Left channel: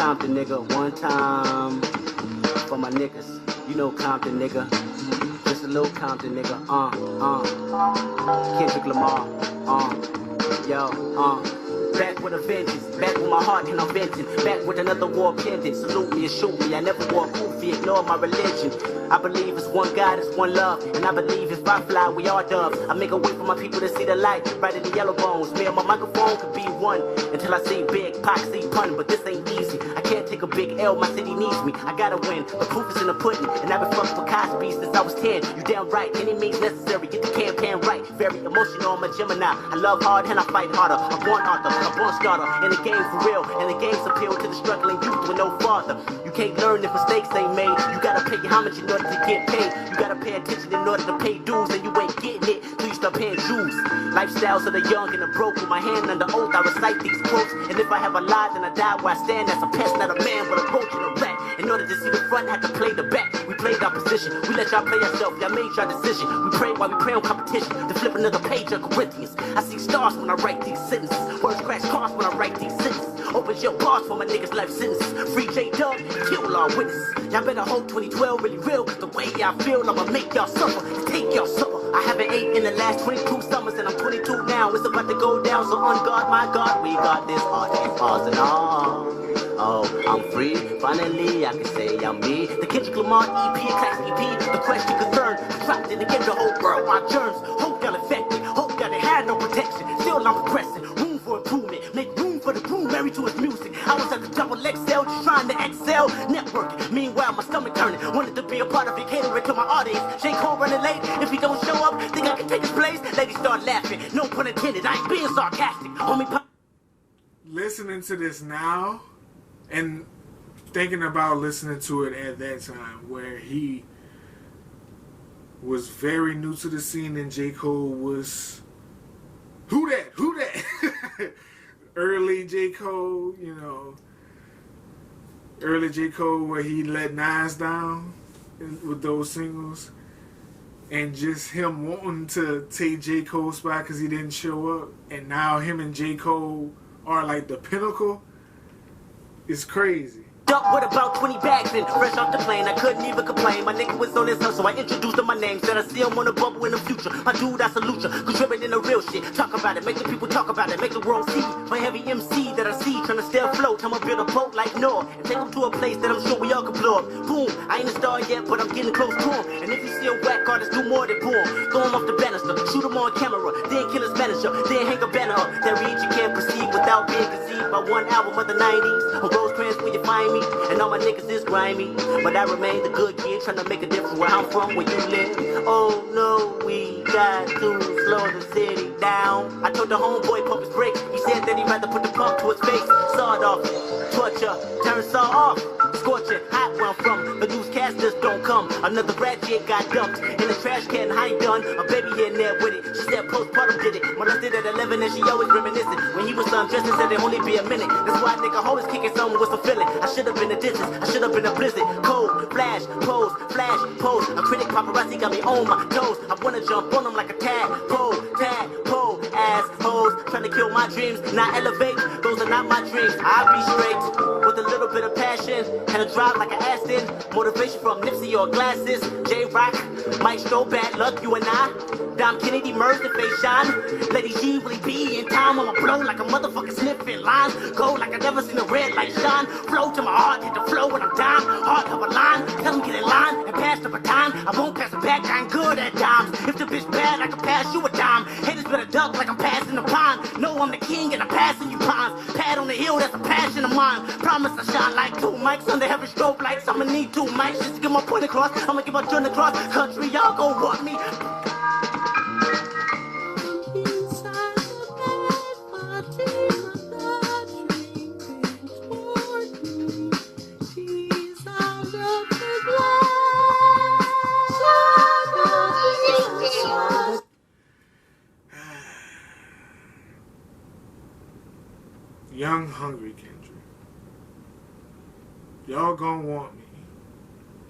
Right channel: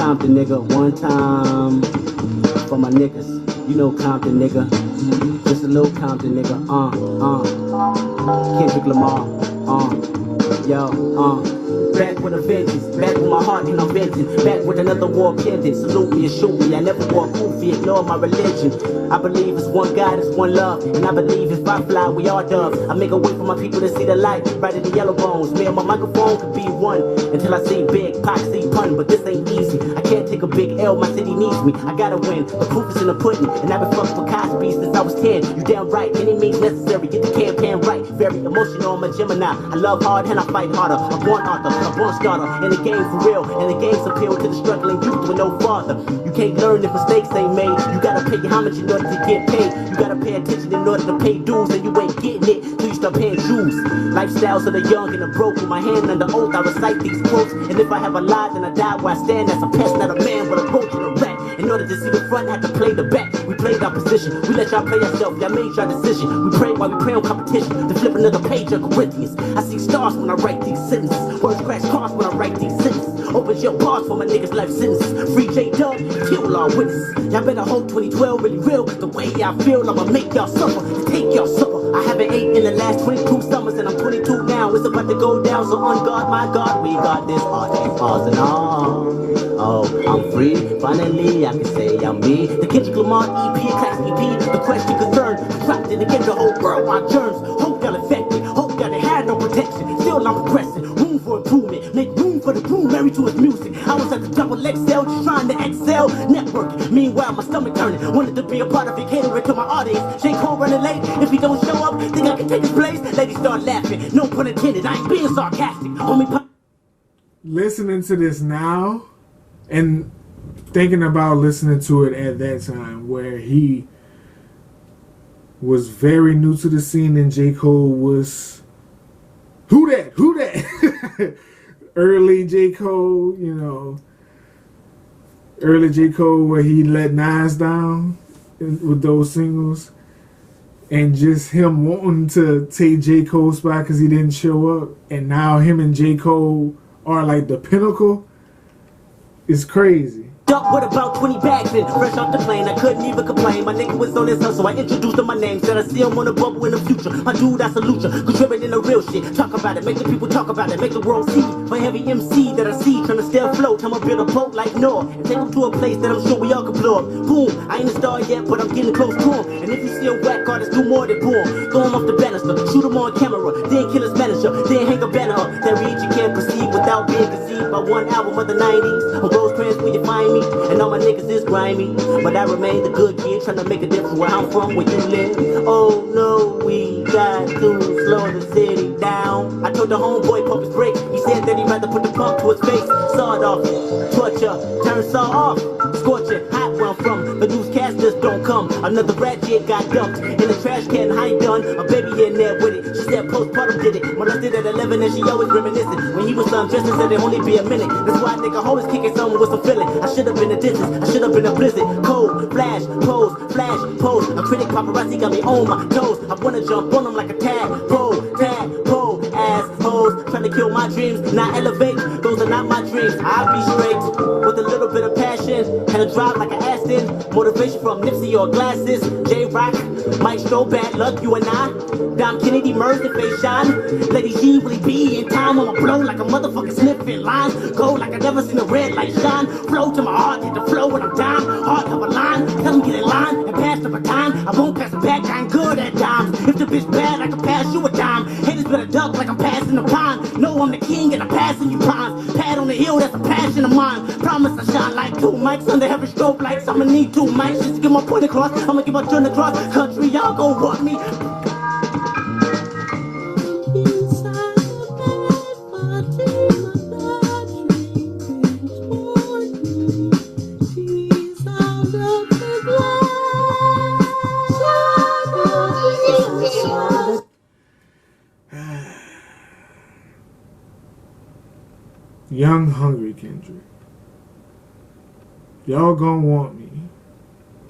Compton, nigga. One time for my niggas. You know Compton, nigga. Just a little Compton, nigga. Kendrick Lamar. Back with a vengeance, back with my heart and I'm venting, back with another war pendant. Salute me and shoot me, I never wore goofy, ignore my religion. I believe it's one God, it's one love, and I believe if I fly, we all doves. I make a way for my people to see the light, right in the yellow bones. Me and my microphone could be one, until I see big, Pac see pun, but this ain't easy. I can't take a big L, my city needs me, I gotta win. The proof is in the pudding, and I've been fucking for Cosby since I was 10. You damn right, any means necessary, get the campaign right. Very emotional, I'm a Gemini, I love hard and I fight harder. I'm born author, a born starter, in the game for real, and the game's appeal to the struggling youth with no father. You can't learn if mistakes ain't made, you gotta pay homage in order to get paid. You gotta pay attention in order to pay dues, and you ain't getting it till you start paying dues. Lifestyles of the young and the broke, with my hand under oath, I recite these quotes, and if I have a lie, then I die where I stand. That's a pest, not a man, but a roach and a rat. In order to see the front, had to play the back. We played our position, we let y'all play ourselves, y'all made your decision. We pray while we pray on competition, to flip another page of Corinthians. I see stars when I write these sentences, words crash cars when I write these sentences. Open your bars for my niggas' life sentences. Free J-Dub, kill all witnesses. Y'all better hope 2012 really real, the way y'all feel, I'ma make y'all suffer, and take y'all supper. I haven't ate in the last 22 summers, and I'm 22 now. It's about to go down, so on God, my God, we got this art and pause and on. Oh, I'm free, finally I can say I'm me. The Kendrick Lamar EP, class EP, the question concern, trapped in the game, the whole world, my germs. Hope y'all infected, hope y'all didn't have no protection. Still I'm progressing, room for improvement, make room for the groom, married to his music. I was at the double XL, just trying to excel, networking. Meanwhile, my stomach turning, wanted to be a part of it, catering to my audience. J. Cole running late, if he don't show up, think I can take his place? Ladies start laughing, no pun intended, I ain't being sarcastic. Homie, listening to this now, and thinking about listening to it at that time where he was very new to the scene and J. Cole was who that early J. Cole, you know, early J. Cole where he let Nas down with those singles, and just him wanting to take J. Cole's spot because he didn't show up, and now him and J. Cole are like the pinnacle. It's crazy. Duck with about 20 bags in, fresh off the plane, I couldn't even complain. My nigga was on his hustle, I introduced him my name, said I see him on the bubble in the future. My dude, I salute you, contributing the real shit. Talk about it, make the people talk about it, make the world see. For every MC that I see, trying to stay afloat, I'ma build a boat like Noah, and take him to a place that I'm sure we all can blow up. Boom, I ain't a star yet, but I'm getting close to him. And if you see a whack artist, do more than boom. Throw him off the banister, shoot him on camera, then kill his manager, then hang a banner up. That reads you can't proceed without being conceived by one album of the 90s. On Rosecrans where you find me, and all my niggas is grimy, but I remain the good kid, trying to make a difference where I'm from, where you live. Oh no, we got to slow the city down. I told the homeboy pump his brake, he said that he'd rather put the pump to his face. Sawed off, torture, turn saw off, scorching, hot where I'm from. The newscasters don't come, another rat jig got dumped in the trash can, I ain't done, a baby in there with it. She said postpartum did it, molested at 11 and she always reminiscing. When he was just and said it'd only be a minute. That's why I think I always kicking something with some feeling. I should have been a distance, I should have been a blizzard. Cold, flash, pose, a critic paparazzi got me on my toes. I wanna jump on them like a tadpole, assholes, trying to kill my dreams, not elevate, those are not my dreams. I'll be straight, with a little bit of passion, and a drive like an Aston, motivation from Nipsey or glasses, J-Rock, Maestro, bad luck, you and I, Dom Kennedy, merged and face shine, ladies usually be in time, I'ma blow like a motherfucker sniffing lines, go like I never seen a red light shine, flow to my heart, hit the flow when I'm down, heart of a line, tell them get in line, and pass the baton, I won't pass it back, I ain't good at dimes, if the bitch bad, I can pass you a dime, haters better duck like I'm passing the pond, know I'm the king and I'm passing you pawns, pad on the hill, that's a passion of mine, promise I shine like two mics, under heavy strobe lights, I'ma need 2 mics, just to get my point across, I'ma get my journey across, country, y'all gon' want me. Young, hungry Kendrick. Y'all gonna want me.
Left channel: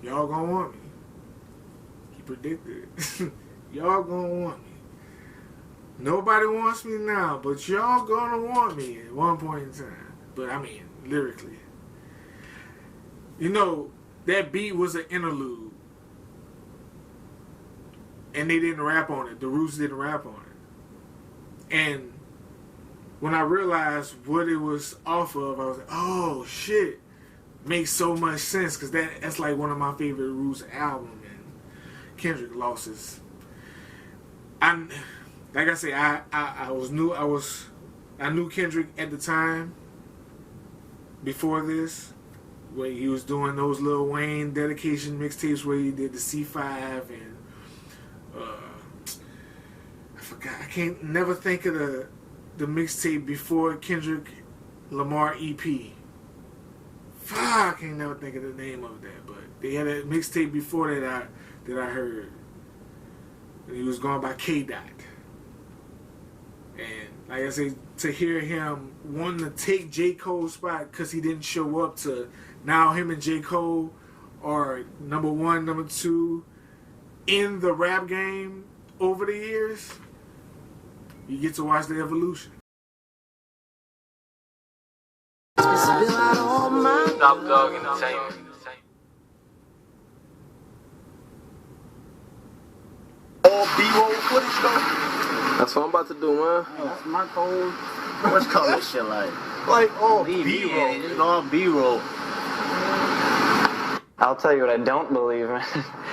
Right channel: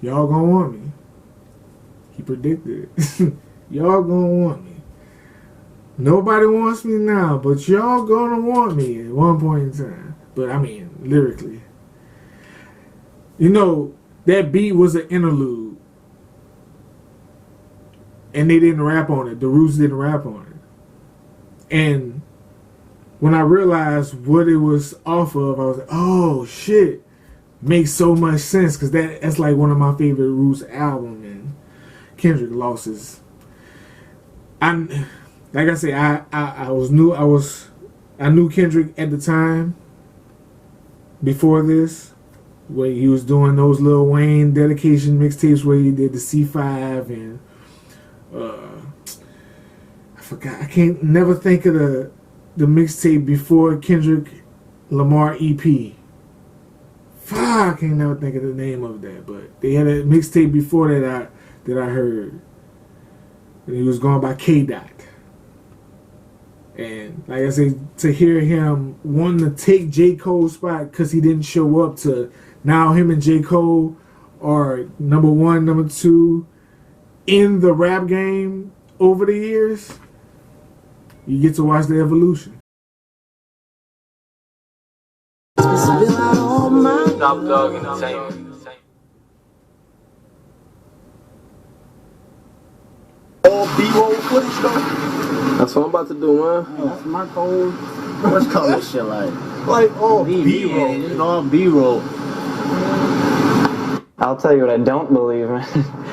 Y'all gonna want me. He predicted it. Y'all gonna want me. Nobody wants me now, but y'all gonna want me at one point in time. But I mean, lyrically. You know, that beat was an interlude. And they didn't rap on it. The Roots didn't rap on it. And when I realized what it was off of, I was like, oh, shit. Makes so much sense, because that's like one of my favorite Roots albums. And Kendrick lost his... like I say, I knew Kendrick at the time, before this, where he was doing those Lil Wayne dedication mixtapes where he did the C5 and I forgot. I can't never think of the mixtape before Kendrick Lamar EP. Fuck, I can't never think of the name of that, but they had a mixtape before that I heard. And he was going by K-Dot. And like I say, to hear him wanting to take J. Cole's spot because he didn't show up, to now him and J. Cole are number one, number two in the rap game over the years, you get to watch the evolution. Top Dog Entertainment. All B-roll footage though. That's what I'm about to do, man. That's my code. What's called this shit like? Like all B-roll. It's all B-roll. I'll tell you what I don't believe in.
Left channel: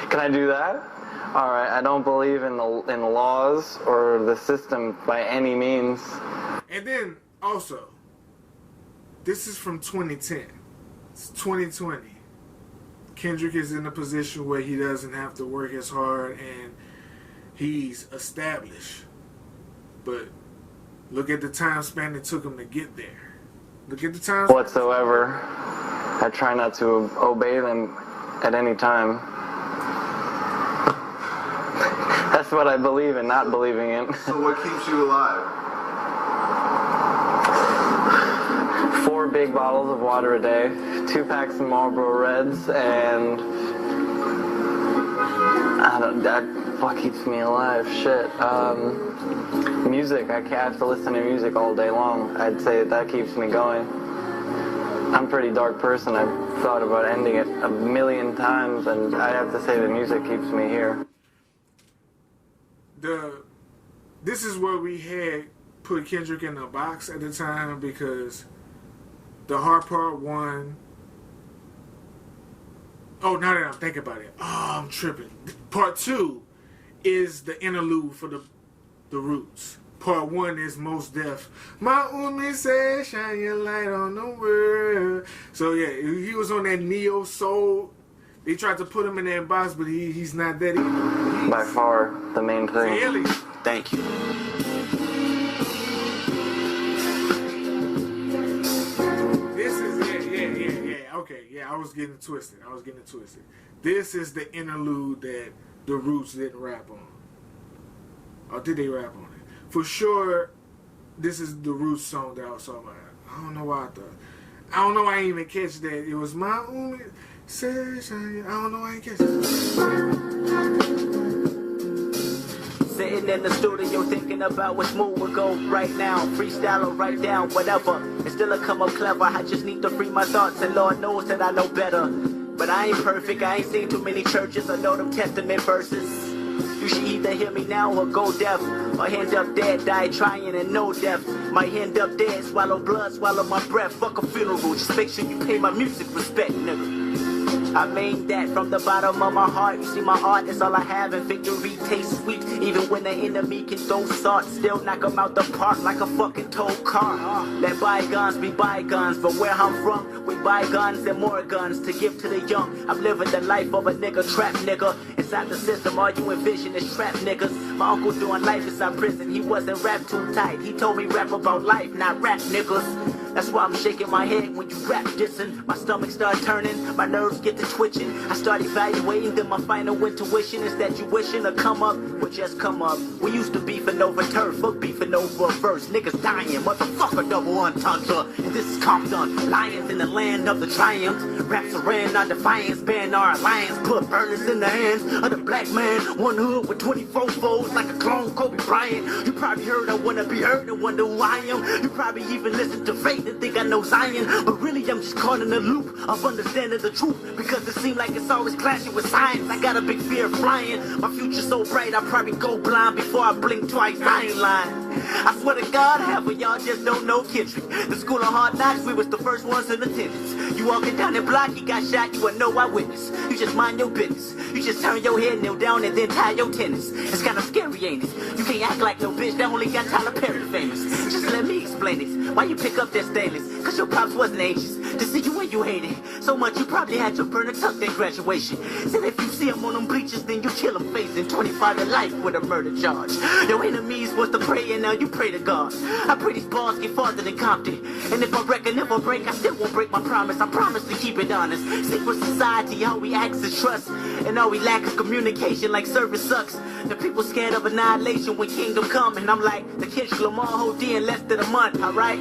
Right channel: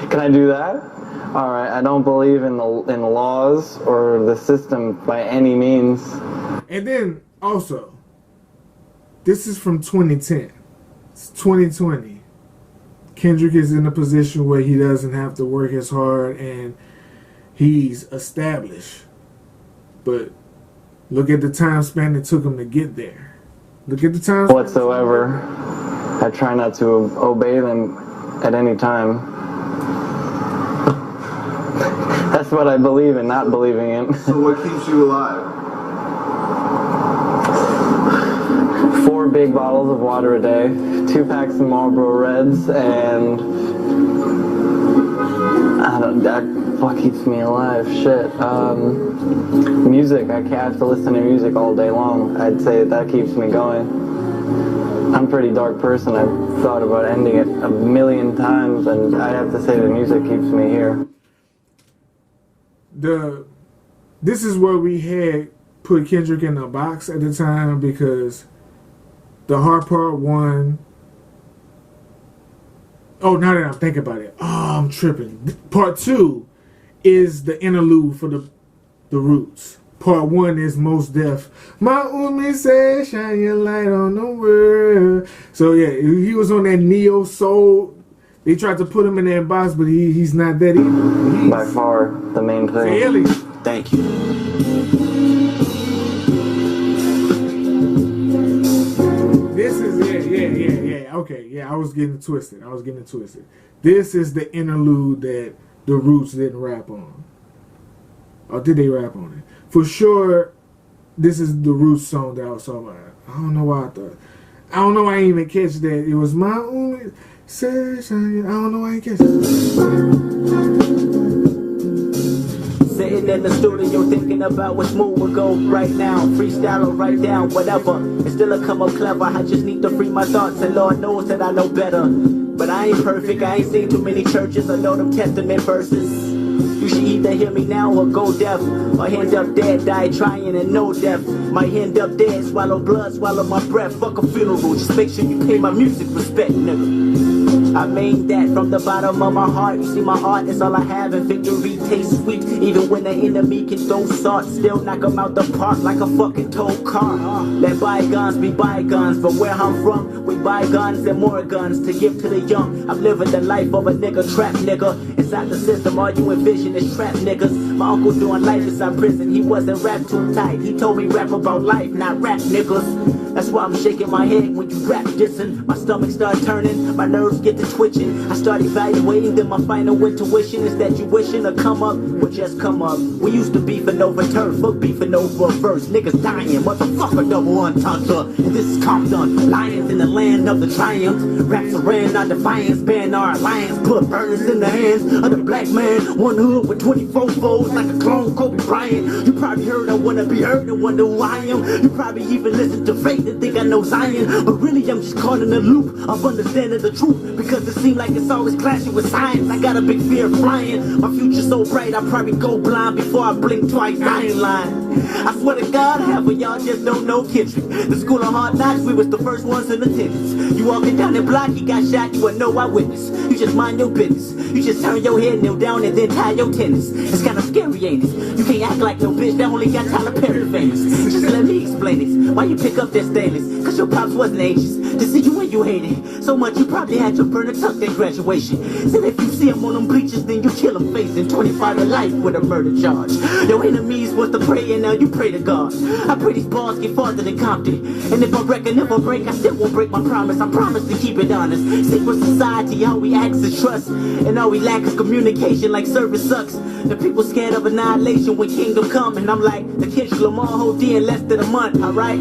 Can I do that? All right, I don't believe in the laws or the system by any means. And then also, this is from 2010. It's 2020. Kendrick is in a position where he doesn't have to work as hard and he's established. But look at the time span it took him to get there. Look at the time span whatsoever. I try not to obey them at any time. That's what I believe in, not believing in. So what keeps you alive? 4 big bottles of water a day, 2 packs of Marlboro Reds, and what keeps me alive? Shit. Music. I have to listen to music all day long. I'd say that keeps me going. I'm a pretty dark person. I've thought about ending it a million times, and I have to say the music keeps me here. This is where we had put Kendrick in a box at the time, because the hard part one. Oh, now that I'm thinking about it, I'm tripping. Part 2 is the interlude for the Roots. Part 1 is Mos Def. My woman said, shine your light on the world. So yeah, he was on that neo soul. They tried to put him in that box, but he's not that either. He's by far the main thing. Alien. Thank you. This is yeah. Okay, yeah, I was getting twisted. This is the interlude that the Roots didn't rap on. Or did they rap on it? For sure, this is the Roots song that I was talking about. I don't know why I thought. I don't know why I didn't even catch that. It was my only session. I don't know why I didn't catch it. Sitting in the studio thinking about what smooth would go right now. Freestyle or write down, whatever. It's still a come up clever. I just need to free my thoughts, and Lord knows that I know better. But I ain't perfect. I ain't seen too many churches. I know them Testament verses. You should either hear me now or go deaf, or end up dead, die trying and no death. Might end up dead, swallow blood, swallow my breath. Fuck a funeral, just make sure you pay my music respect, nigga. I made that from the bottom of my heart. You see, my art is all I have, and victory tastes sweet. Even when the enemy can throw salt, still knock them out the park like a fucking tow car. Let bygones be bygones. From where I'm from, we buy guns and more guns to give to the young. I'm living the life of a nigga, trap nigga. Inside the system, all you envision is trap niggas. My uncle doing life inside prison. He wasn't rap too tight. He told me rap about life, not rap niggas. That's why I'm shaking my head when you rap dissing. My stomach start turning, my nerves get to twitching. I start evaluating, then my final intuition is that you wishing to come up, well just come up. We used to beefing over turf, fuck beefing over verse. Niggas dying, motherfucker double entendre. And this is Compton, lions in the land of the triumphs. Raps around our defiance, ban our alliance. Put burners in the hands of the black man. One hood with 24 foes. flows like a clone Kobe Bryant. You probably heard I wanna be heard and wonder who I am. You probably even listen to Faith and think I know Zion. But really I'm just caught in a loop of understanding the truth, because it seems like it's always clashing with science. I got a big fear of flying. My future's so bright I'll probably go blind before I blink twice. I ain't lying. I swear to God, half of y'all just don't know Kendrick. The school of hard knocks, we was the first ones in attendance. You walking down the block, he got shot, you would no eyewitness. You just mind your business. You just turn your head, kneel down, and then tie your tennis. It's kind of scary, ain't it? You can't act like no bitch that only got Tyler Perry famous. Just let me explain it. Why you pick up that stainless? Cause your pops wasn't anxious to see you when you hated. So much you probably had your burner tucked at graduation. Said if you see him on them bleachers, then you kill him facing 25 to life with a murder charge. Your enemies was to pray, and now you pray to God. I pray these bars get farther than Compton. And if I reckon never break, I still won't break my promise. I promise to keep it honest. Secret society, all we ask is trust. And all we lack is communication, like service sucks. The people scared of annihilation when kingdom come. And I'm like, the Kendrick Lamar whole D in less than a month, alright?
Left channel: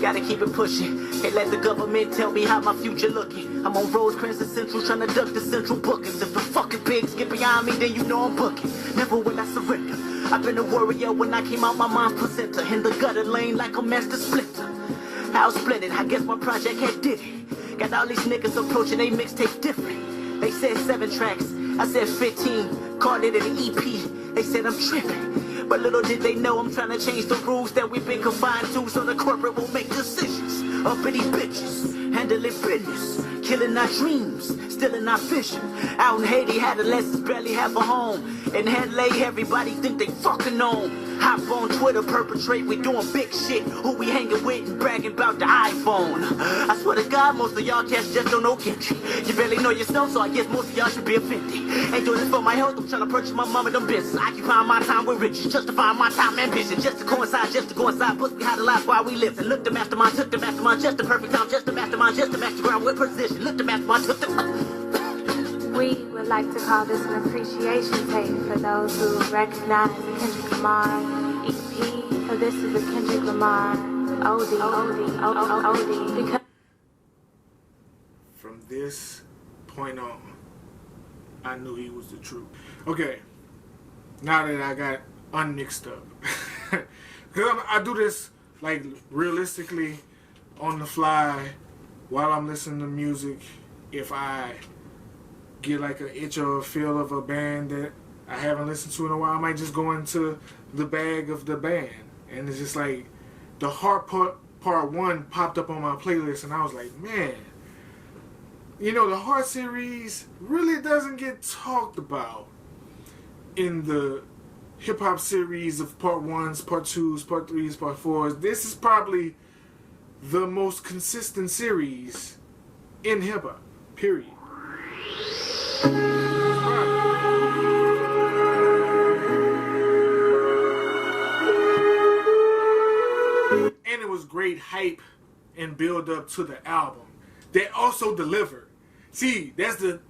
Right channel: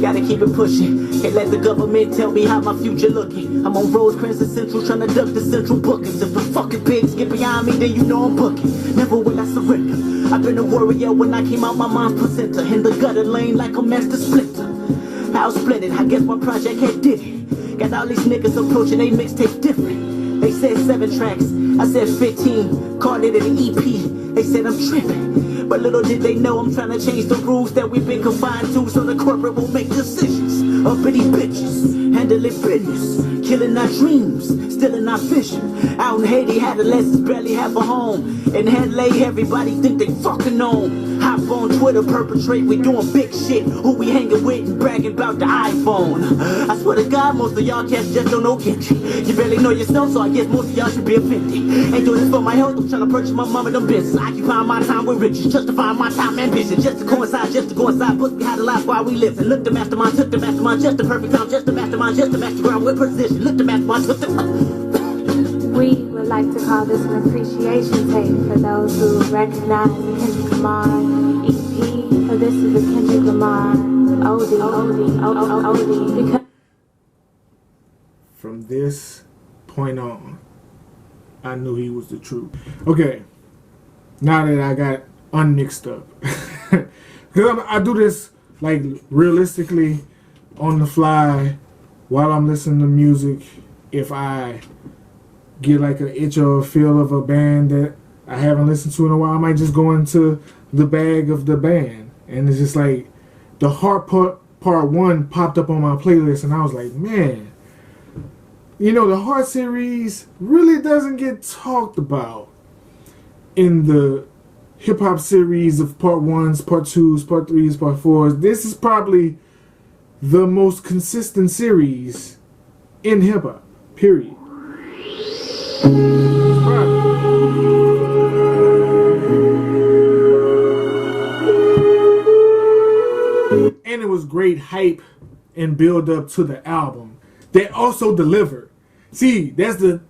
Gotta keep it pushing. Can't let the government tell me how my future looking. I'm on Rosecrans and Central trying to duck the central bookings. If the fucking pigs get behind me, then you know I'm booking. Never will I surrender. I've been a warrior when I came out my mom's placenta. In the gutter lane like a master splinter. How splendid, I guess my project had did it. Got all these niggas approaching they mixtape different. They said 7 tracks, I said 15. Called it an EP, they said I'm tripping. But little did they know I'm trying to change the rules that we've been confined to, so the corporate will make decisions. Uppity bitches, handling business, killing our dreams, stealing our vision. Out in Haiti, adolescents barely have a home. In Henley, everybody think they fucking on. Hop on Twitter, perpetrate, we doing big shit. Who we hanging with and bragging about the iPhone. I swear to God, most of y'all cats just don't know Kendrick. You barely know yourself, so I guess most of y'all should be offended. Ain't doing this for my health, I'm trying to purchase my mama them business. Occupying my time with riches, justifying my time and ambition. Just to coincide, just to go inside, pussy behind the life while we live. And look the mastermind, took the mastermind, just the perfect time, just the mastermind, just the master ground with precision. Look the mastermind, took the... We would like to call this an appreciation tape for those who recognize the Kendrick Lamar EP. So this is the Kendrick Lamar OD. Because from this point on, I knew he was the truth. Okay, now that I got unmixed up, because I do this like realistically on the fly while I'm listening to music. If I get like an itch or a feel of a band that I haven't listened to in a while, I might just go into the bag of the band, and it's just like the Heart Part 1 popped up on my playlist, and I was like, man, you know, the Heart series really doesn't get talked about in the hip-hop series of Part 1s, Part 2s, Part 3s, Part 4s. This is probably the most consistent series in hip-hop, period. And it was great hype and build up to the album. They also delivered. See, that's the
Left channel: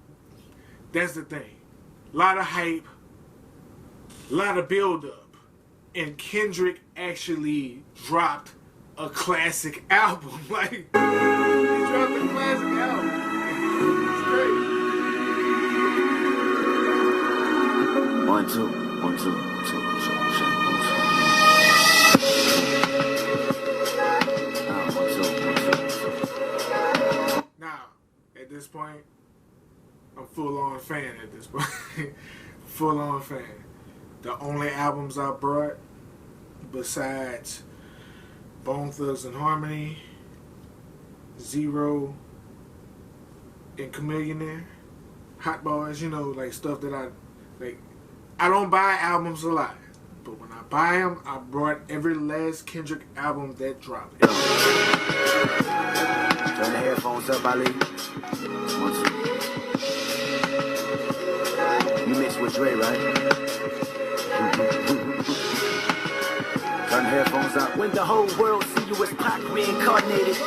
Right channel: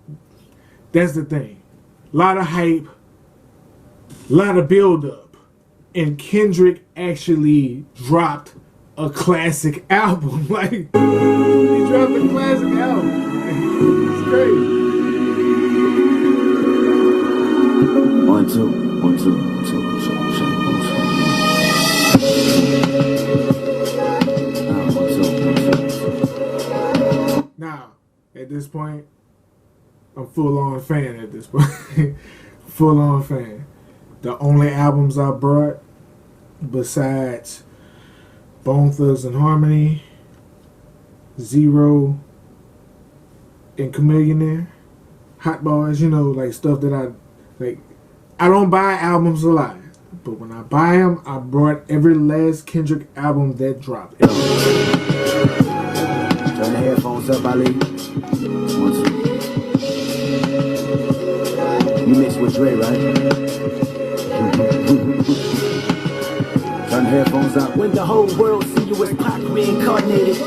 thing. A lot of hype, a lot of build up, and Kendrick actually dropped a classic album. Like, he dropped a classic album. It's great. 1, 2, 1, 2, 1, 2, 1, 2, 1, 2. Now, at this point, I'm full-on fan at this point. Full-on fan. The only albums I brought, besides Bone Thugs and Harmony, Zero, and Chameleonaire, Hot Boys, you know, like stuff that I don't buy albums a lot, but when I buy them, I brought every last Kendrick album that dropped. Turn the headphones up, Ali. 1, 2. You mixed with Dre, right? Turn the headphones up. When the whole world see you as Pac reincarnated,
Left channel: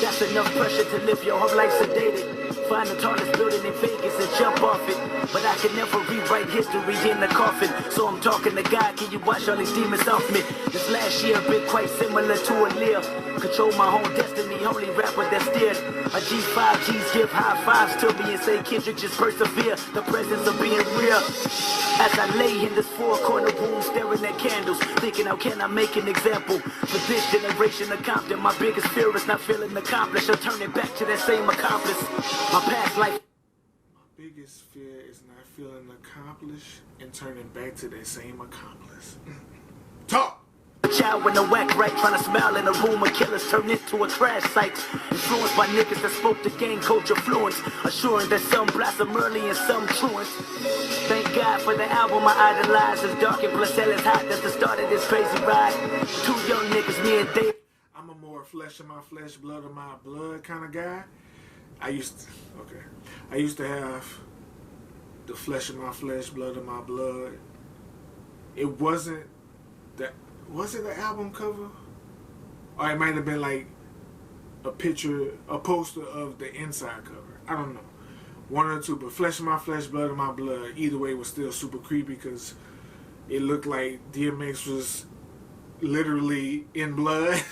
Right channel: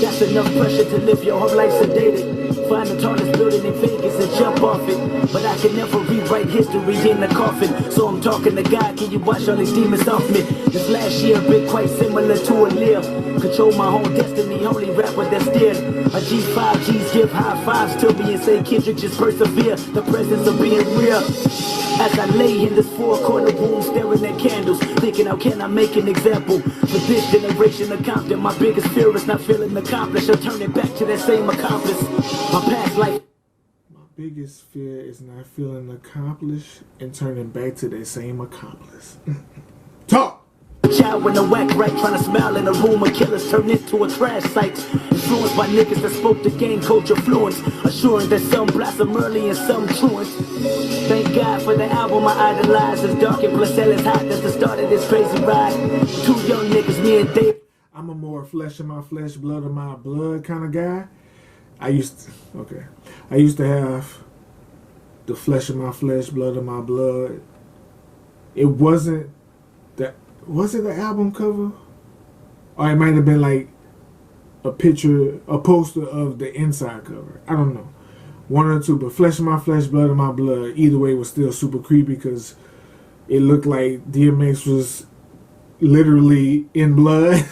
that's enough pressure to live your whole life sedated. find the tallest building in Vegas and jump off it. But I can never rewrite history in the coffin. So I'm talking to God, can you wash all these demons off me? This last year been quite similar to a live. Control my whole destiny, only rapper that steered. A G5 G's give high fives to me and say Kendrick just persevere. The presence of being real. As I lay in this four-corner room staring at candles, thinking how can I make an example for this generation of Compton. My biggest fear is not feeling accomplished or turning back to that same accomplice. My past life. My biggest fear is not feeling accomplished and turning back to that same accomplice. Talk! Child with no whack right, trying to smile in a room of killers turned into a crash site. Influenced by niggas that spoke the gang culture fluence, assuring that some blossom early and some truant. Thank God for the album I idolize. It's dark and plus hell is hot. That's the start of this crazy ride. Two young niggas, me and Dave. I'm a more flesh of my flesh, blood of my blood kind of guy. I used to have the flesh of my flesh, blood of my blood. It wasn't that. Was it the album cover? Or it might have been like a picture, a poster of the inside cover. I don't know. One or two, but flesh of my flesh, blood of my blood. Either way was still super creepy because it looked like DMX was literally in blood.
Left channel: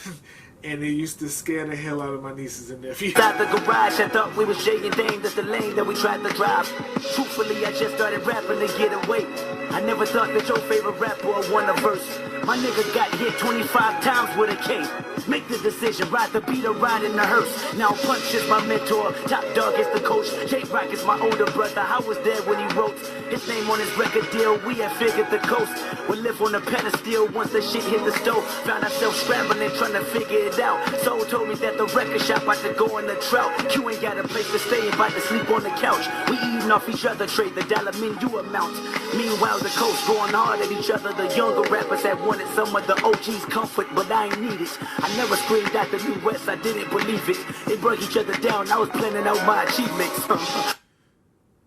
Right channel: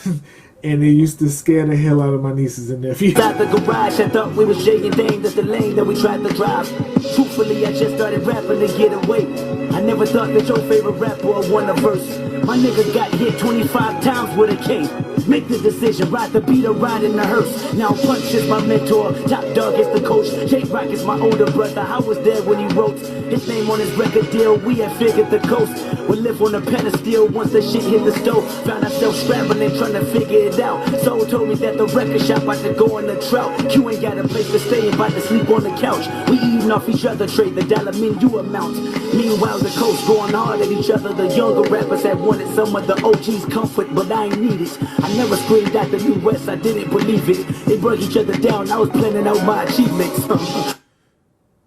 And it used to scare the hell out of my nieces and nephews. Out the garage, I thought we was Jay and Dane. That's the lane that we tried to drive. Truthfully, I just started rapping to get away. I never thought that your favorite rapper would won a verse. My nigga got hit 25 times with a cane. Make the decision, ride the beat or ride in the hearse. Now Punch is my mentor, Top Dog is the coach. J-Rock is my older brother, I was there when he wrote his name on his record deal. We had figured the coast would live on a pedestal once the shit hit the stove. Found ourselves scrambling, trying to figure it out. Soul told me that the record shop about to go on the drought. Q ain't got a place to stay, about to sleep on the couch. We eating off each other, trade the dollar menu amount. Meanwhile, the coast going hard at each other. The younger rappers had wanted some of the OG's comfort, but I ain't need it. I never screamed out the New West, I didn't believe it. They broke each other down, I was planning out my achievements.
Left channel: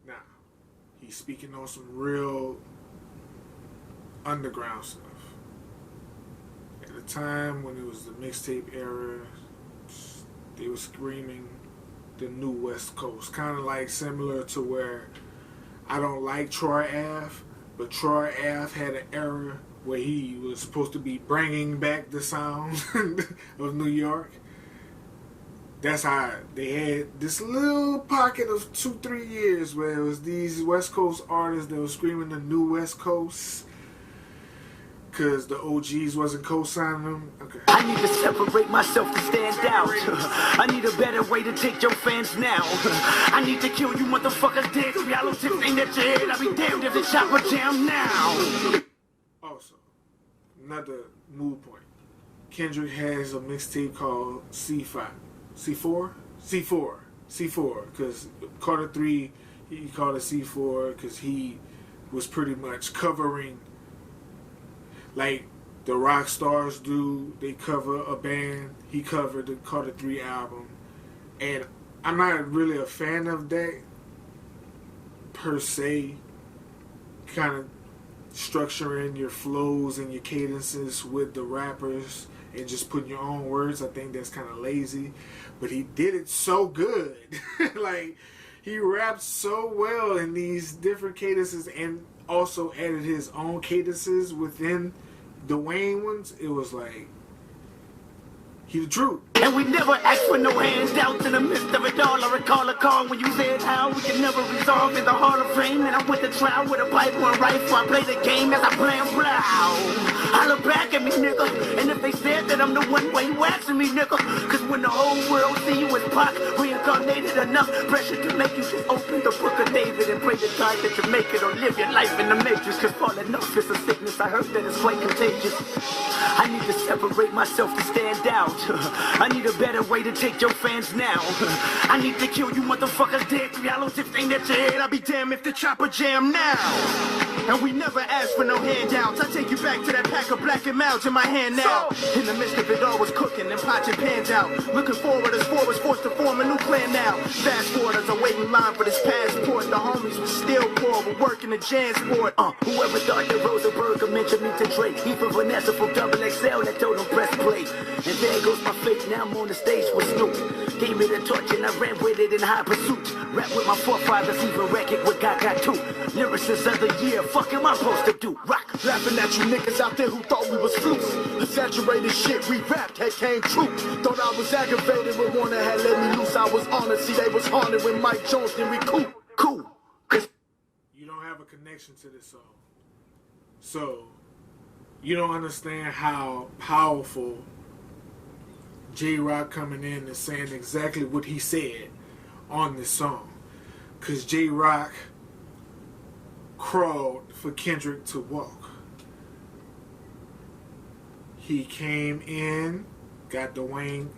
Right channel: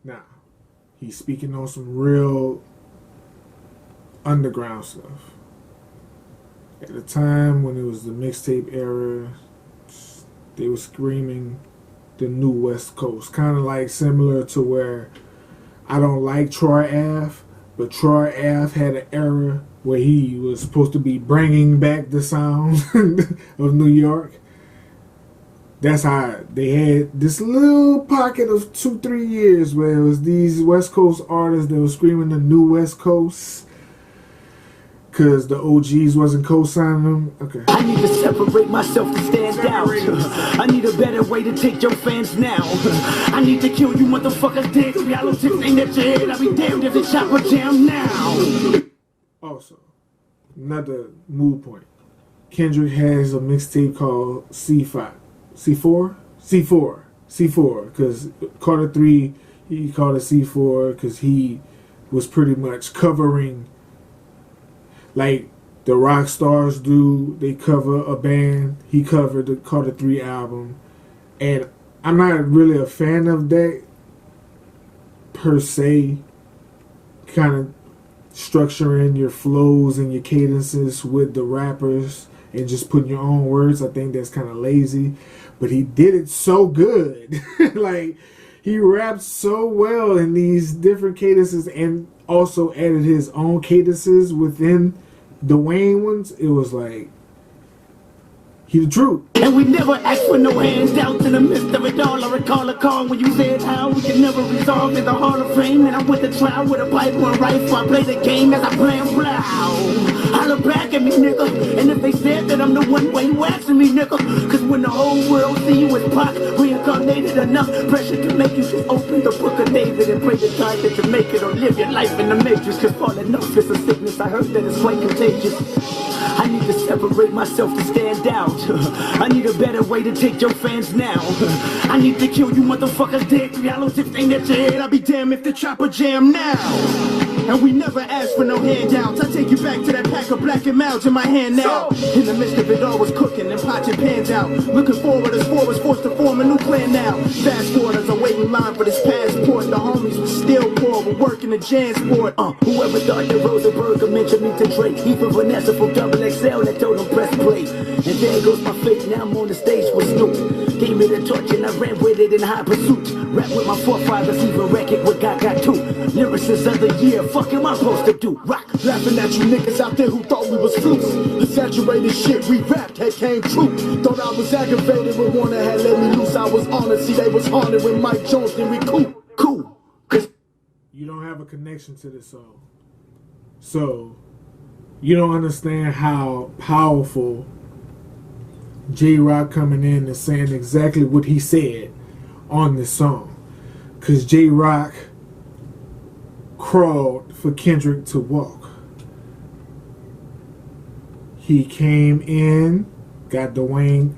Now, he's speaking on some real underground stuff. At the time when it was the mixtape era, they were screaming the new West Coast. Kind of like similar to where I don't like Troy Ave, but Troy Ave had an era where he was supposed to be bringing back the sound of New York. That's how they had this little pocket of 2-3 years where it was these West Coast artists that were screaming the new West Coast because the OGs wasn't co-signing them. Okay. I need to separate myself to stand out. I need a better way to take your fans now. I need to kill you motherfuckers dead. Yellow tips ain't at your head. I'll be damned if the chopper jam now. Also, another mood point. Kendrick has a mixtape called C4, because Carter 3, he called it C4 because he was pretty much covering like the rock stars do. They cover a band. He covered the Carter 3 album, and I'm not really a fan of that per se, kind of structuring your flows and your cadences with the rappers and just putting your own words. I think that's kind of lazy, but he did it so good. Like, he rapped so well in these different cadences and also added his own cadences within the Wayne ones. It was like, he the truth. And we never asked for no handouts in the midst of it all. I recall a call when you said how we could never resolve in the Hall of Fame. And I went to trial with a Bible and rifle. I play the game as I play and blow. Holler back at me, nigga. And if they said that I'm the one, why you asking me, nigga? Cause when the whole world see you as Pac, reincarnated enough pressure to make you just open the book of David and pray to God that you make it or live your life in the matrix. Cause falling off is a sickness. I heard that it's quite contagious. I need to separate myself to stand out. I need a better way to take your fans now. I need to kill you motherfuckers dead. Yellow tips ain't at your head. I'll be damned if the chopper jam now. And we never asked for no handouts. I take you back to that pack of black and mouths in my hand now. In the midst of it all was cooking and pots and pans out. Looking forward as four was forced to form a new clan now. Fast forward as I wait in line for this passport. The homies was still poor, but working the Jansport. Whoever thought that Rosenberg mentioned me to Drake. Even Vanessa from Double XL that told him press play. And there goes my fate now. now I'm on the stage with Snoop. Gave me the torch and I ran with it in high pursuit. Rap with my forefathers, even record with got too. Lyricist of the year, fuck am I supposed to do? Rock. Laughing at you niggas out there who thought we was flukes. The saturated shit we rapped had came true. Thought I was aggravated when Warner had let me loose. I was honored, see they was haunted when Mike Jones didn't recoup. Cool. You don't have a connection to this song. So, you don't understand how powerful J-Rock coming in and saying exactly what he said on this song. Because J-Rock crawled for Kendrick to walk. He came in, got the Wayne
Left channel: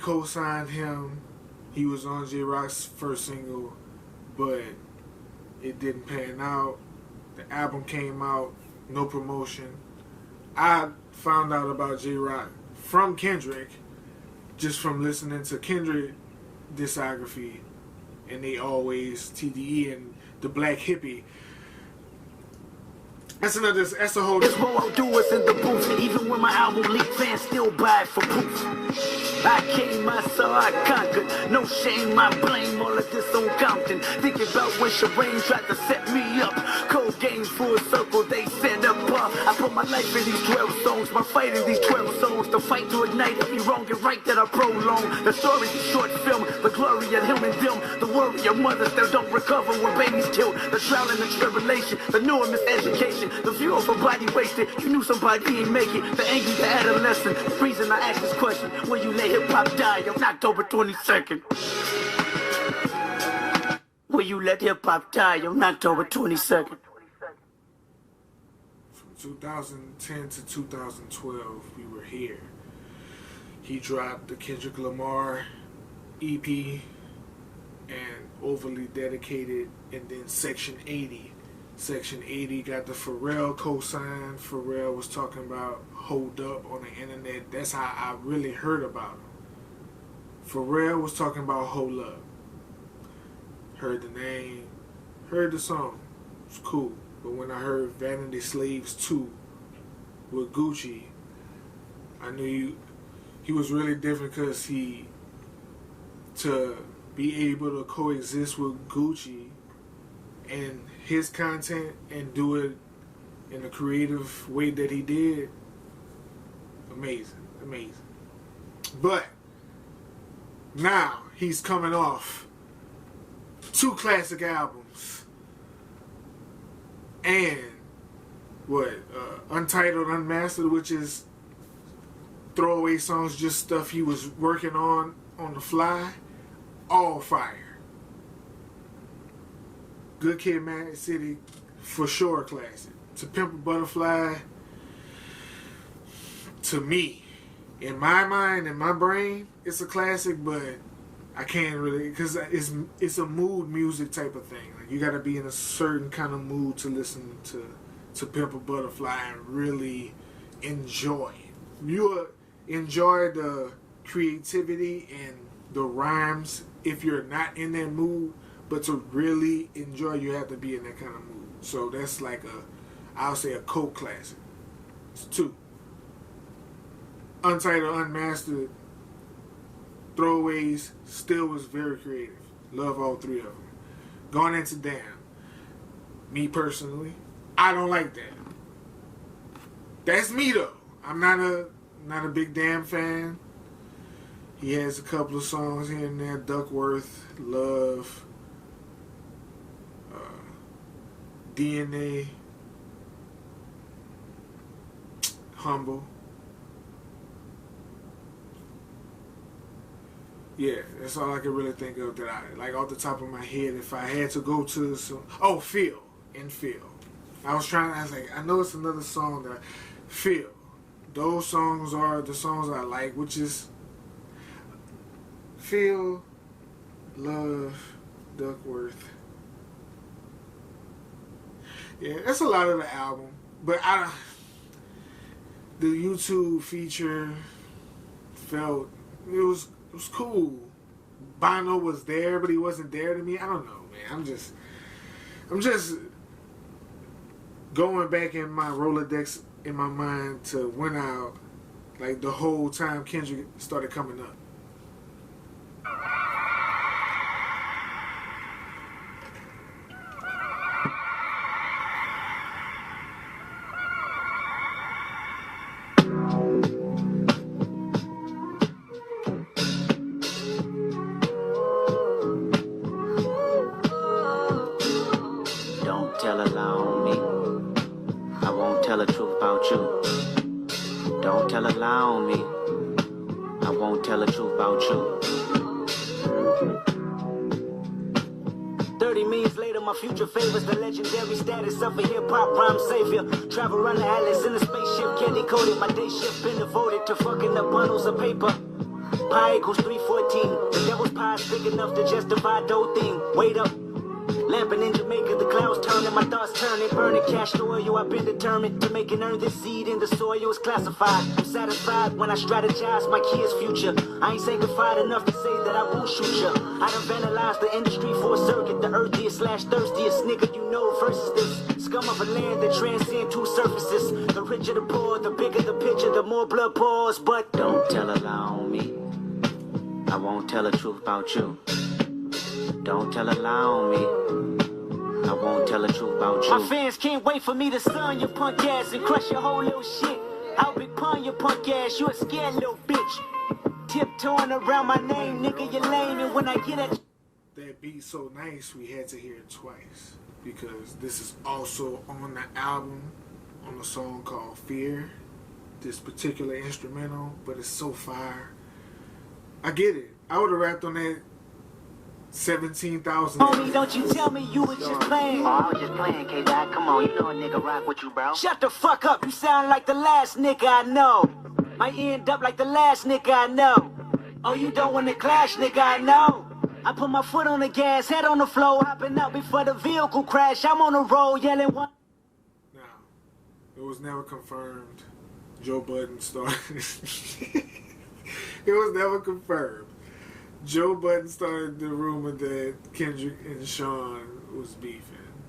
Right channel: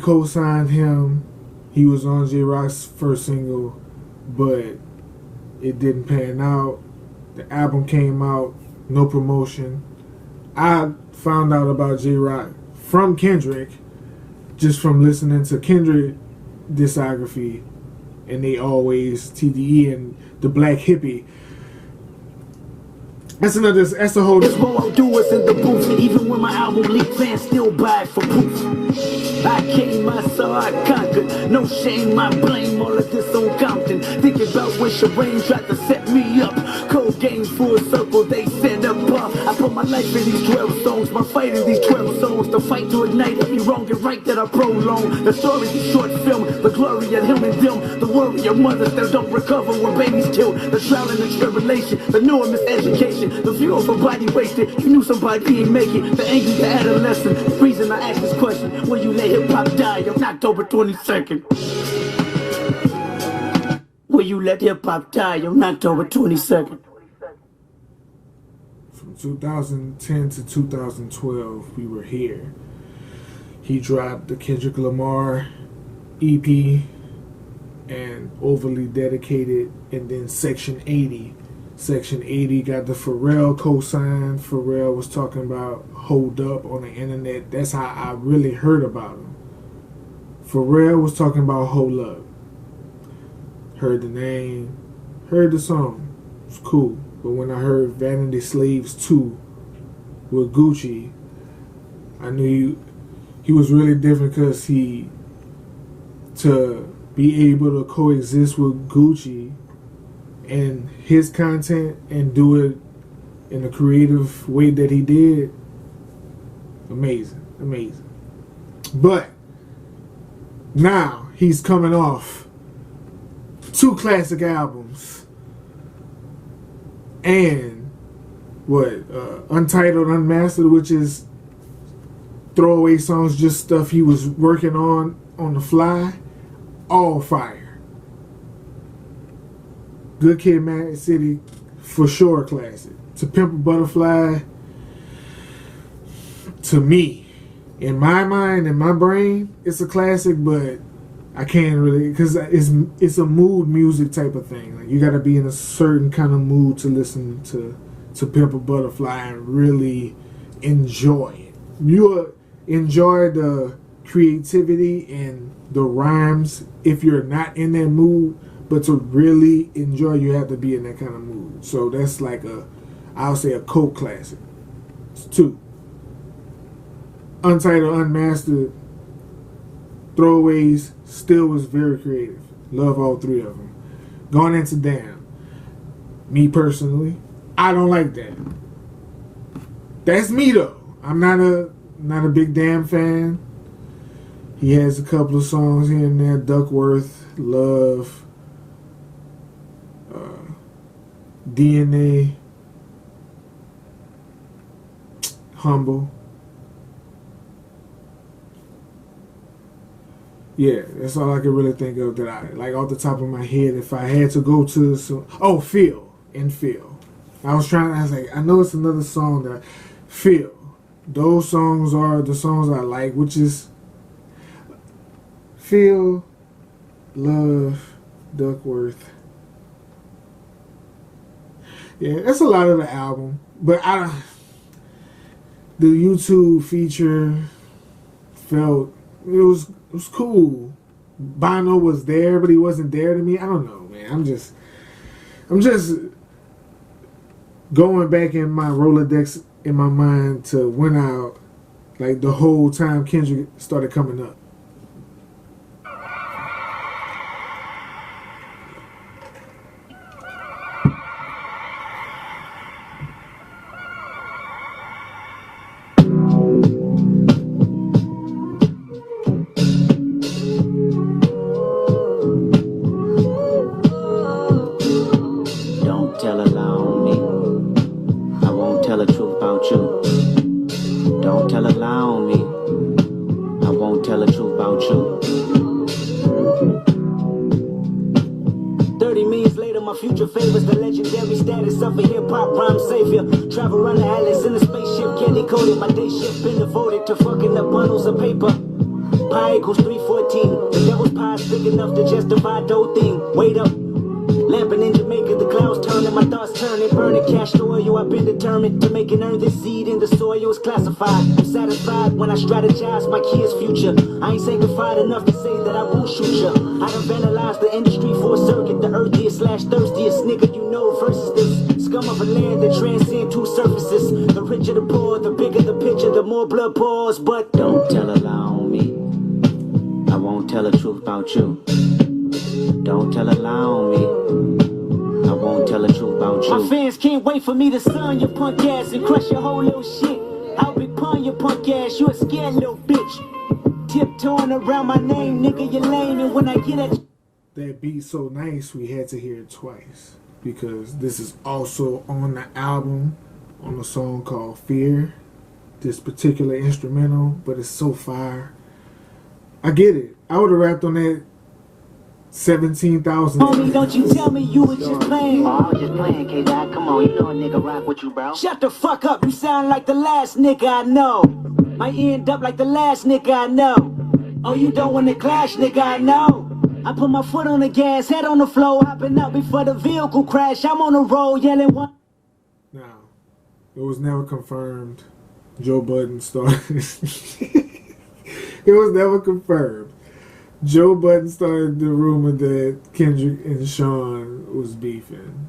co-signed him. He was on J-Rock's first single, but it didn't pan out. The album came out, no promotion. I found out about J-Rock from Kendrick, just from listening to Kendrick Discography, and they always TDE and the Black Hippie. That's a whole. This what I'll do is in the booth. Even when my album leaked, fans still buy it for proof. I came, I saw, I conquered. No shame, I blame all of this on Compton. Thinking about when Shireen tried to set me up. Cold game full circle, they set up. I put my life in these 12 songs, my fight in these 12 songs. The fight to ignite every wrong and right that I prolong. The story's a short film, the glory of him and them. The worry of mothers that don't recover when babies killed. The trial and the tribulation, the new miseducation. The view of a body wasted, you knew somebody ain't make it. The angry, the adolescent. The reason I ask this question, will you let hip hop die on October 22nd? Will you let hip hop die on October 22nd? From 2010 to 2012, we were here. He dropped the Kendrick Lamar EP and Overly Dedicated, and then Section 80. Section 80 got the Pharrell co-sign. Pharrell was talking about Hold Up on the internet. That's how I really heard about him. Pharrell was talking about Hold Up. Heard the name, heard the song. It's cool. But when I heard Vanity Slaves 2 with Gucci, I knew he was really different, because to be able to coexist with Gucci and his content and do it in a creative way that he did, amazing. But now he's coming off 2 classic albums and Untitled, Unmastered, which is throwaway songs, just stuff he was working on the fly. All fire. Good Kid, Mad City, for sure classic. To Pimp a Butterfly, to me, in my mind, in my brain, it's a classic, but I can't really, because it's a mood music type of thing. Like, you got to be in a certain kind of mood to listen to Pimp a Butterfly and really enjoy it. You enjoy the creativity and the rhymes if you're not in that mood. But to really enjoy, you have to be in that kind of mood. So that's like I'll say a cult classic. It's 2. Untitled, Unmastered, Throwaways, still was very creative. Love all 3 of them. Going into Damn. Me personally, I don't like that. That's me though. I'm not a big Damn fan. He has a couple of songs here and there. Duckworth, Love, DNA, Humble. Yeah, that's all I can really think of that I like off the top of my head. If I had to go to Feel. I was like, I know it's another song that Feel. Those songs are the songs I like, which is Feel, Love, Duckworth. Yeah, that's a lot of the album. But the YouTube feature felt, it was cool. Bono was there, but he wasn't there to me. I don't know, man. I'm just going back in my Rolodex in my mind to when I Like the whole time Kendrick started coming up. Don't tell a lie on me. I won't tell the truth about you. Don't tell a lie on me. I won't tell the truth about you. 30 minutes later, my future favors the legendary status of a hip-hop rhyme savior. Travel around the atlas in a spaceship, candy coated. My day shift been devoted to fucking up bundles of paper. Pi equals 314. The devil's pie is big enough to justify dough thing. Wait up. Lamping in Jamaica, the clouds turning, my thoughts turning, burning cash to oil. I've been determined to make and earn this seed in the soil. It's classified. I'm satisfied when I strategize my kids' future. I ain't sanctified enough to say that I won't shoot ya. I done vandalized the industry for a circuit. The earthiest / thirstiest nigga you know versus this scum of a land that transcend two surfaces. The richer the poor, the bigger the picture, the more blood pours. But don't tell a lie on me. I won't tell the truth about you. Don't tell a lie on me. I won't tell the truth about you. My fans can't wait for me to stun your punk ass and crush your whole little shit. I'll be pun your punk ass, you a scared little bitch. Tiptoeing around my name, nigga, you lame. And when I get at That beat so nice, we had to hear it twice. Because this is also on the album, on a song called Fear. This particular instrumental, but it's so fire. I get it. I would have rapped on that 17,000. Homie, don't you tell me you was just playing. Oh, I was just playing, K-Dot. Come on, you know a nigga rock with you, bro. Shut the fuck up, you sound like the last nigga I know. Might end up like the last nigga I know. Oh, you don't want to clash, nigga, I know. I put my foot on the gas, head on the floor, hopping out before the vehicle crash. I'm on the road yelling one. Now, it was never confirmed Joe Budden started. It was never confirmed. Joe Budden started the rumor that Kendrick and Sean was beefing.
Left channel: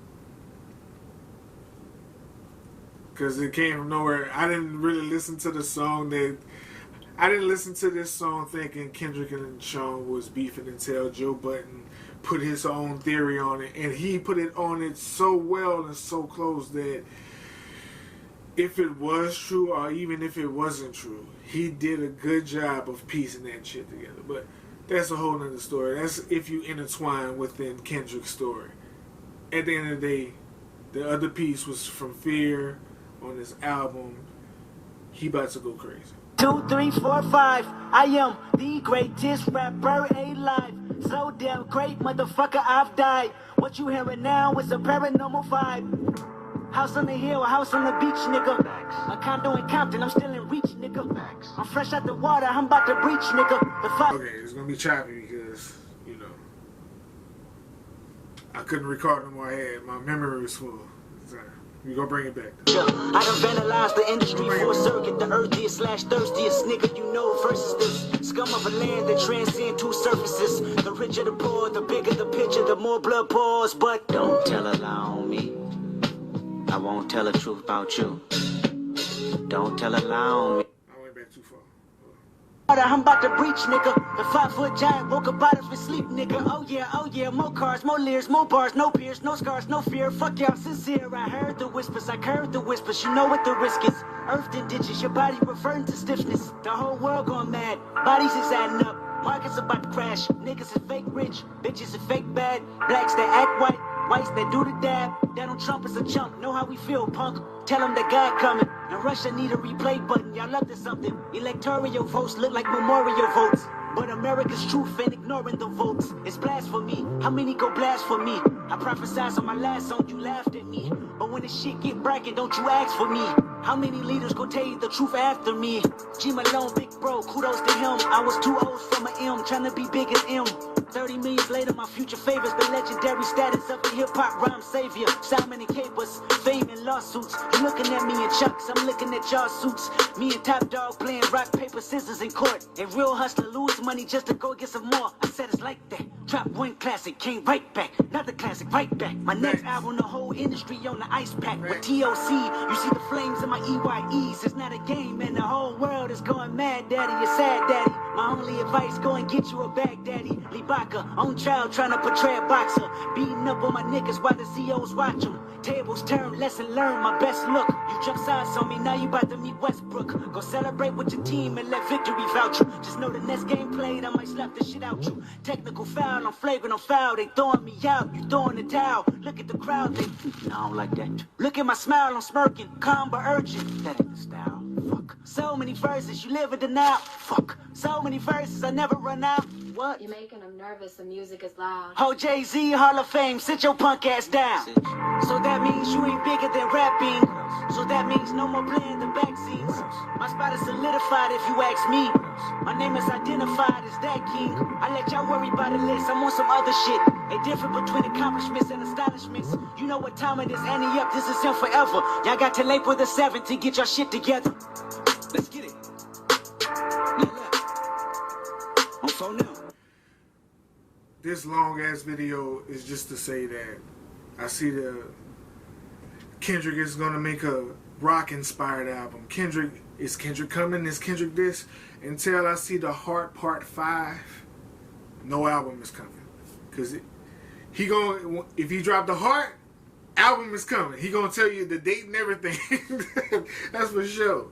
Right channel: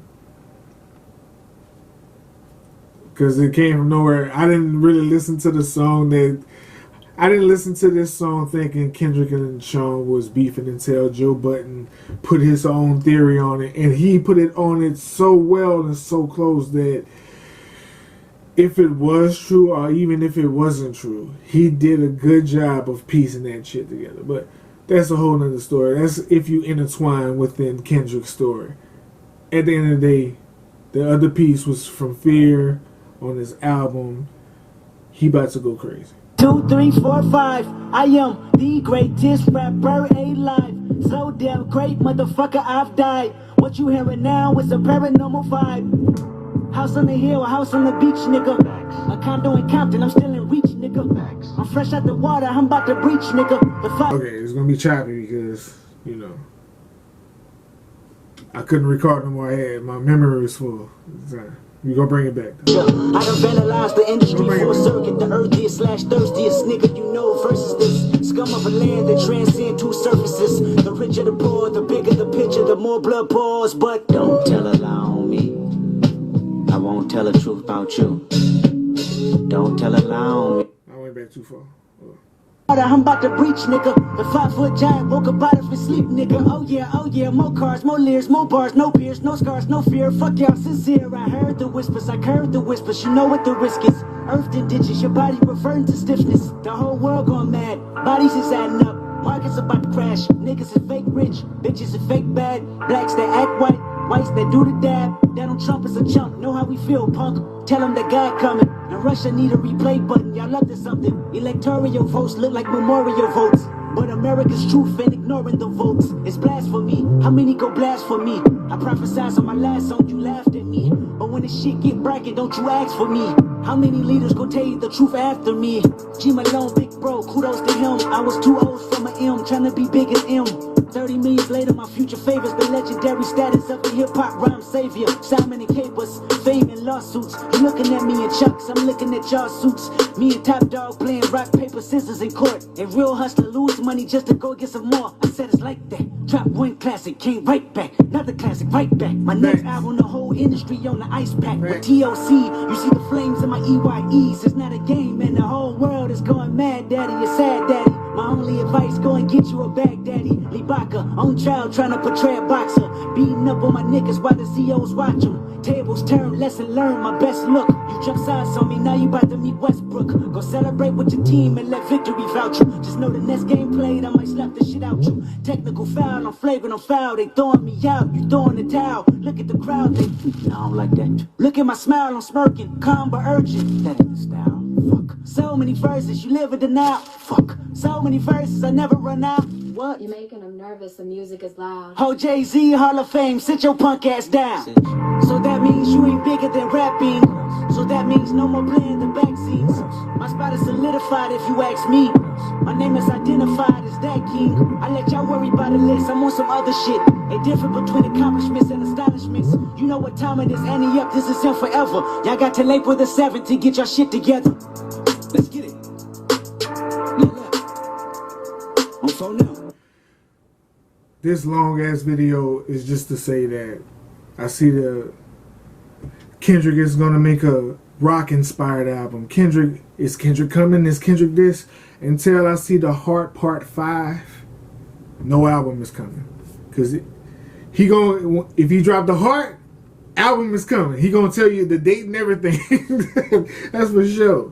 Because it came from nowhere. I didn't really listen to the song I didn't listen to this song thinking Kendrick and Sean was beefing until Joe Budden put his own theory on it. And he put it on it so well and so close that if it was true or even if it wasn't true, he did a good job of piecing that shit together. But that's a whole nother story. That's if you intertwine within Kendrick's story. At the end of the day, the other piece was from Fear on his album. He about to go crazy. 2, 3, 4, 5. I am the greatest rapper alive. So damn great, motherfucker, I've died. What you hearing now is a paranormal vibe. House on the hill, house on the beach, nigga. A condo in Compton, I'm still in reach, nigga. I'm fresh out the water, I'm about to breach, nigga. Okay, it's gonna be choppy because, you know, I couldn't record no more. My memory was full. We gonna bring it back. I done vandalized the industry for a circuit. The earthiest / thirstiest nigga you know versus this scum of a land that transcend two surfaces. The richer the poor, the bigger the picture, the more blood pours. But don't tell a lie on me. I won't tell the truth about you. Don't tell a lie on me. I went back too far. I'm about to breach, nigga. The 5-foot giant woke up out of his sleep, nigga. Oh yeah, more cars, more leers, more bars, no peers, no scars, no fear. Fuck y'all, sincere. I heard the whispers, I heard the whispers. You know what the risk is. Earth and ditches, your body referring to stiffness. The whole world gone mad, bodies is adding up. Markets about to crash. Niggas is fake rich, bitches is fake bad. Blacks that act white, whites that do the dab. Donald Trump is a chump, know how we feel, punk. Tell them that God coming. And Russia need a replay button, y'all up to something. Electoral votes look like memorial votes. But America's truth ain't ignoring the votes. It's blasphemy. How many go blast for me? I prophesied on my last song, you laughed at me. But when the shit get bragging, don't you ask for me. How many leaders go tell you the truth after me? G Malone, big bro, kudos to him. I was too old for my M, trying to be big as M. 30 million later, my future favors the legendary status of the hip-hop rhyme savior. Simon and Capers, fame and lawsuits. You looking at me in chucks, I'm looking at y'all suits. Me and Top Dog playing rock, paper, scissors in court. A real hustler lose money just to go get some more. I said it's like that. Drop one classic, came right back. Another classic, right back. My next album, the whole industry on the ice pack. With TOC, you see the flames in my EYEs. It's not a game, man. The whole world is going mad, daddy. You're sad, daddy. My only advice, go and get you a bag, daddy. Libaka, on trial, trying to portray a boxer. Beating up on my niggas while the COs watch them. Tables turn, lesson learned, my best look. You jump sides on me, now you about to meet Westbrook. Go celebrate with your team and let victory vouch you. Just know the next game played, I might slap the shit out you. Technical foul, I'm flagrant on foul. They throwing me out, you throwing the towel. Look at the crowd, they, no, I don't like that. Look at my smile, I'm smirking, calm but urgent. That ain't the style, fuck. So many verses, you live in denial, fuck. So many verses, I never run out. What? You're making them nervous, the music is loud. Oh, Jay-Z, Hall of Fame, sit your punk ass down. So that means you ain't bigger than rapping. So that means no more playing the back scenes. My spot is solidified if you ask me. My name is identified as that king. I let y'all worry about the list, I'm on some other shit. A difference between accomplishments and astonishments. You know what time it is, Annie up, this is him forever. Y'all got till April the 7th to get your shit together. Let's get it. On phone now. This long ass video is just to say that I see the Kendrick is gonna make a rock inspired album. Is Kendrick coming? Is Kendrick this? Until I see the Heart Part 5, no album is coming. Cause he gonna, if he drop the Heart, album is coming. He gonna tell you the date and everything. That's for sure.